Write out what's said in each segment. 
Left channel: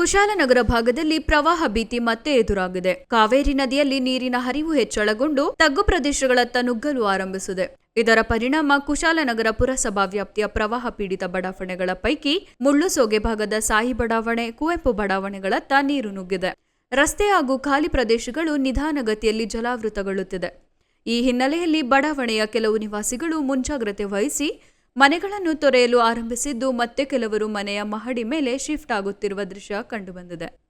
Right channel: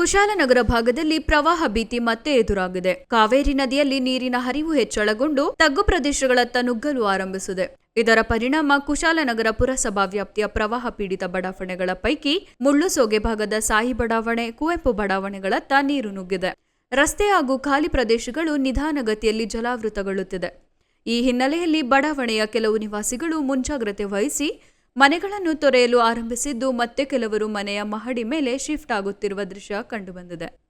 ಕುಶಾಲನಗರ ಭಾಗದಲ್ಲಿ ಪ್ರವಾಹ ಭೀತಿ ಮತ್ತೆ ಎದುರಾಗಿದೆ. ಕಾವೇರಿ ನದಿಯಲ್ಲಿ ನೀರಿನ ಹರಿವು ಹೆಚ್ಚಳಗೊಂಡು ತಗ್ಗು ಪ್ರದೇಶಗಳತ್ತ ನುಗ್ಗಲು ಆರಂಭಿಸಿದೆ. ಇದರ ಪರಿಣಾಮ ಕುಶಾಲನಗರ ಪುರಸಭಾ ವ್ಯಾಪ್ತಿಯ ಪ್ರವಾಹ ಪೀಡಿತ ಬಡಾವಣೆಗಳ ಪೈಕಿ ಮುಳ್ಳುಸೋಗೆ ಭಾಗದ ಸಾಯಿ ಬಡಾವಣೆ, ಕುವೆಂಪು ಬಡಾವಣೆಗಳತ್ತ ನೀರು ನುಗ್ಗಿದೆ. ರಸ್ತೆ ಹಾಗೂ ಖಾಲಿ ಪ್ರದೇಶಗಳು ನಿಧಾನಗತಿಯಲ್ಲಿ ಜಲಾವೃತಗೊಳ್ಳುತ್ತಿದೆ. ಈ ಹಿನ್ನೆಲೆಯಲ್ಲಿ ಬಡಾವಣೆಯ ಕೆಲವು ನಿವಾಸಿಗಳು ಮುಂಜಾಗ್ರತೆ ವಹಿಸಿ ಮನೆಗಳನ್ನು ತೊರೆಯಲು ಆರಂಭಿಸಿದ್ದು ಮತ್ತೆ ಕೆಲವರು ಮನೆಯ ಮಹಡಿ ಮೇಲೆ ಶಿಫ್ಟ್ ಆಗುತ್ತಿರುವ ದೃಶ್ಯ ಕಂಡುಬಂದಿದೆ.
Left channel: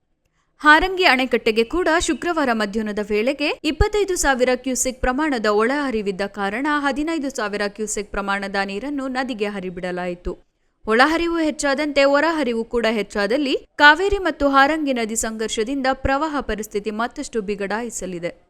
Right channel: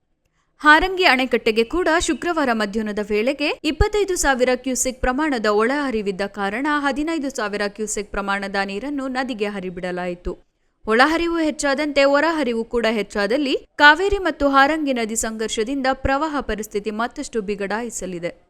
ಹಾರಂಗಿ ಅಣೆಕಟ್ಟೆಗೆ ಕೂಡ ಶುಕ್ರವಾರ ಮಧ್ಯಾಹ್ನದ ವೇಳೆಗೆ ಇಪ್ಪತ್ತೈದು ಸಾವಿರ ಕ್ಯೂಸೆಕ್ ಪ್ರಮಾಣದ ಒಳಹರಿವಿದ್ದ ಕಾರಣ ಹದಿನೈದು ಸಾವಿರ ಕ್ಯೂಸೆಕ್ ಪ್ರಮಾಣದ ನೀರನ್ನು ನದಿಗೆ ಹರಿಬಿಡಲಾಯಿತು. ಒಳಹರಿವು ಹೆಚ್ಚಾದಂತೆ ಹೊರಹರಿವು ಕೂಡ ಹೆಚ್ಚಾದಲ್ಲಿ ಕಾವೇರಿ ಮತ್ತು ಹಾರಂಗಿ ನದಿ ಸಂಘರ್ಷದಿಂದ ಪ್ರವಾಹ ಪರಿಸ್ಥಿತಿ ಮತ್ತಷ್ಟು ಬಿಗಡಾಯಿಸಲಿದೆ.